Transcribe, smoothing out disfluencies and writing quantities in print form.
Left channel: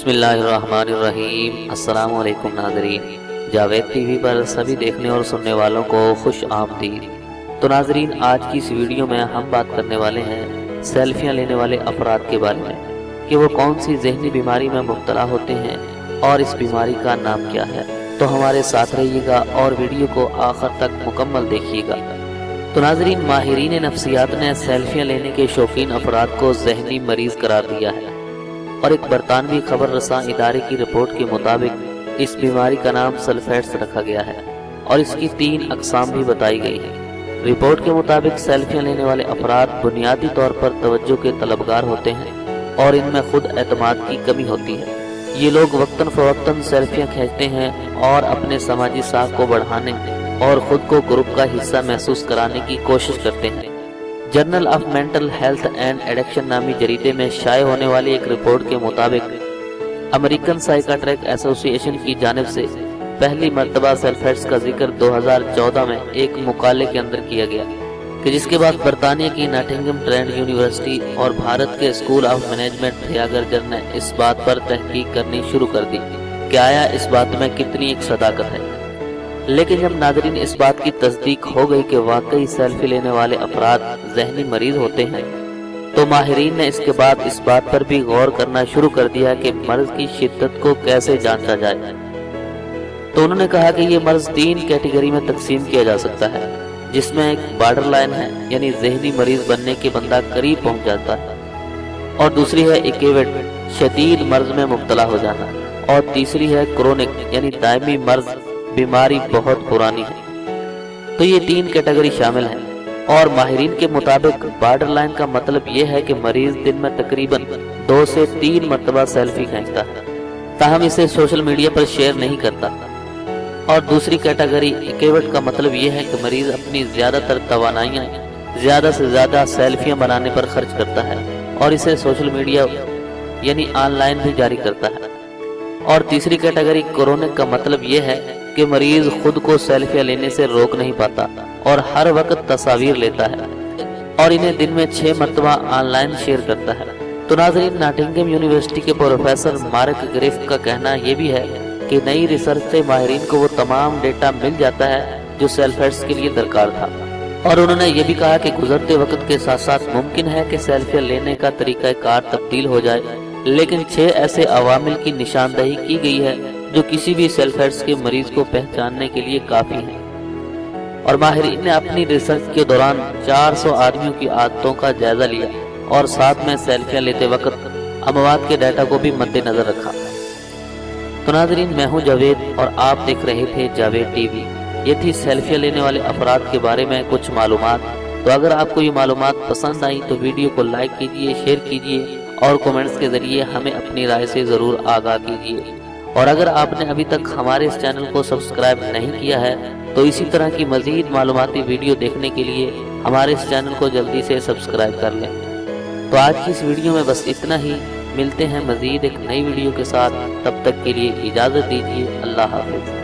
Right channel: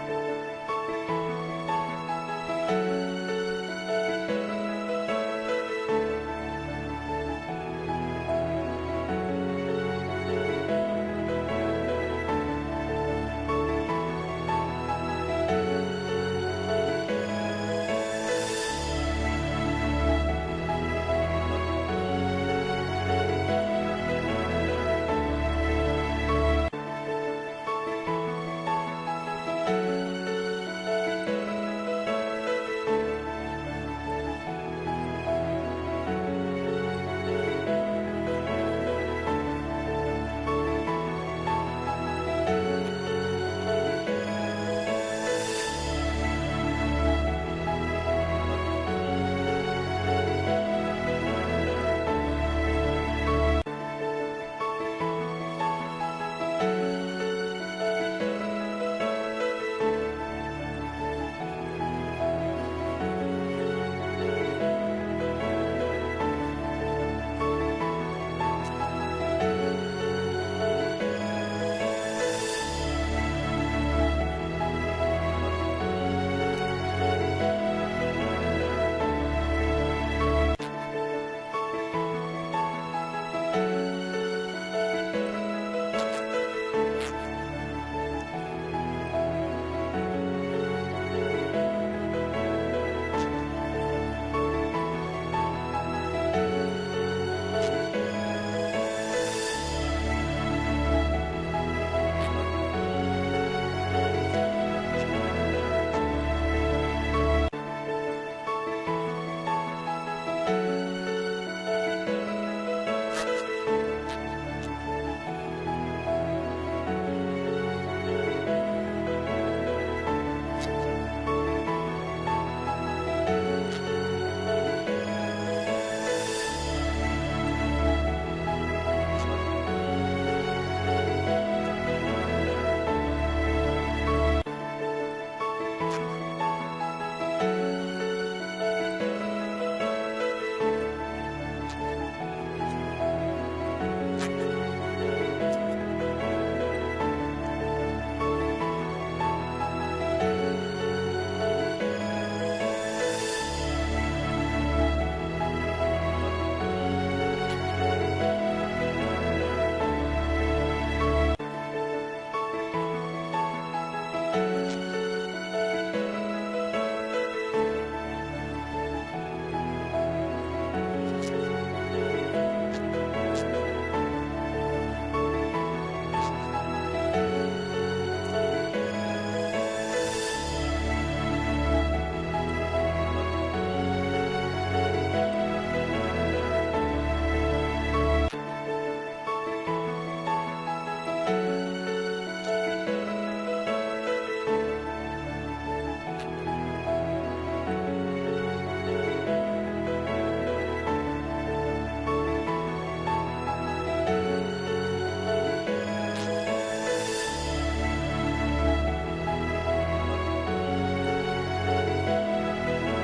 بسم اللہ الرحمن الرحیم۔ السلام علیکم ناظرین، جاوید ٹی وی پر سبھی دیکھنے اور سننے والوں کو خوش آمدید۔ تو ناظرین، آج کی اس ویڈیو میں ہم بات کرنے والے ہیں سیلفیاں لینے والے افراد کے بارے میں کہ وہ کون سی ذہنی بیماری میں مبتلا ہوتے ہیں اور اس بیماری کا نام کیا ہے۔ تو ہمارے ساتھ رہیے گا اور ویڈیو کو آخر تک مکمل دیکھیے گا۔ تو ناظرین، ماہرین نفسیات نے سیلفیاں لینے کے شوقین افراد کو ذہنی مریض قرار دیا ہے، اور ایک برطانوی خبر رساں ادارے کی رپورٹ کے مطابق اس بیماری کا نام سلفیٹس رکھا گیا ہے اور اس کی 3 اقسام بھی بتائی گئی ہیں۔ رپورٹ کے مطابق سیلفیاں لینے والے افراد بنیادی طور پر توجہ کے طلبگار ہوتے ہیں اور ان میں خود اعتماد کی کمی ہوتی ہے۔ یہ لوگ وقتاً فوقتاً سیلفیاں کھینچتے ہیں اور اپنے سماجی ساکھ کو بڑھانے اور خود کو گروپ کا حصہ محسوس کرانے کی کوشش کرتے ہیں۔ Journal of mental health and addiction نامی جریدے میں شائع ہونے والی ایک رپورٹ کے مطابق امریکن سائیکیٹرک ایسوسی ایشن کی جانب سے پہلی مرتبہ سیلفیٹس کا ذکر 2014 میں ایک مقالے کے اندر کیا گیا، کہ جس کے بعد برطانیہ کی ناٹنگھم ٹرینڈ یونیورسٹی اور بھارت کے اسکول آف مینجمنٹ پریاگراج نے اس بات پر تحقیق کرنی شروع کر دی کہ آیا اس بات میں کتنی ایک صداقت ہے۔ لیکن جب ناظرین اس بات کی تصدیق ہو گئی کہ واقعی سیلفی لینے والے افراد ذہنی مریض ہوتے ہیں، تو ماہرین نے اس کے بعد اس بات پر بھی غور کرنا شروع کر دیا کہ مرض کی شدت کو کیسے جانچا جائے۔ تو انہوں نے کہا کہ یہ مرض 3 کیٹیگری میں تقسیم کیا جا سکتا ہے، جس میں ایک بارڈر لائن ہے، یعنی ذہنی مریض بننے کے بندہ قریب پہنچ جاتا ہے، اور دوسری ہے ایکیوٹ، شدید مرض میں مبتلا ہو جانا، اور تیسری ہے کرونک، یعنی دائمی مرض، بیماری بہت پرانی ہے۔ تو یہ 3 کیٹیگری شامل ہیں، اور ماہرین کے مطابق بارڈر لائن کا مطلب یہ ہے کہ مریض دن میں تقریباً 2 سے 3 مرتبہ سیلفی کھینچتا ہے، تاہم اسے سوشل میڈیا پر شیئر نہیں کرتا۔ اور دوسری کیٹیگری ایکیوٹ کا مطلب یہ ہے کہ مریض اپنی زیادہ تر توانائیاں زیادہ سے زیادہ سیلفیاں بنانے پر خرچ کرتا ہے اور اسے سوشل میڈیا یعنی آن لائن بھی جاری کرتا ہے۔ اور تیسری کیٹیگری کرونک کا مطلب یہ ہے کہ مریض خود کو سیلفیاں لینے سے روک نہیں پاتا اور ہر وقت تصاویر لیتا ہے اور انہیں دن میں 6 مرتبہ آن لائن شیئر کرتا ہے۔ تو ناظرین، ناٹنگھم یونیورسٹی کے پروفیسر مارک گریف کا کہنا یہ بھی ہے کہ نئی ریسرچ سے ماہرین کو وہ تمام ڈیٹا مل جاتا ہے جو سیلفیٹس کے لیے درکار تھا، اور انہوں نے یہ بھی کہا کہ گزرتے وقت کے ساتھ ساتھ ممکن ہے کہ سیلفیاں لینے کا طریقہ کار تبدیل ہو جائے، لیکن 6 ایسے عوامل کی نشاندہی کی گئی ہے جو کسی بھی سیلفیٹس کے مریض کو پہچاننے کے لیے کافی ہیں۔ اور ماہرین نے اپنی ریسرچ کے دوران 400 آدمیوں کی عادتوں کا جائزہ لیا اور ساتھ میں سیلفیاں لیتے وقت اموات کے ڈیٹا کو بھی مد نظر رکھا۔ تو ناظرین، میں ہوں جاوید اور آپ دیکھ رہے تھے جاوید ٹی وی۔ یہ تھی سیلفیاں لینے والے افراد کے بارے میں کچھ معلومات۔ تو اگر آپ کو یہ معلومات پسند آئی تو ویڈیو کو لائک کیجیے، شیئر کیجیے اور کومنٹس کے ذریعے ہمیں اپنی رائے سے ضرور آگاہ کیجیے۔ اور اگر آپ نے ابھی تک ہمارے اس چینل کو سبسکرائب نہیں کیا ہے تو اسی طرح کی مزید معلوماتی ویڈیو دیکھنے کے لیے ہمارے اس چینل کو جلدی سے سبسکرائب کر لیں۔ تو آج کی اس ویڈیو میں بس اتنا ہی، ملتے ہیں مزید ایک نئی ویڈیو کے ساتھ، تب تک کے لیے اجازت دیجیے۔ اللہ حافظ۔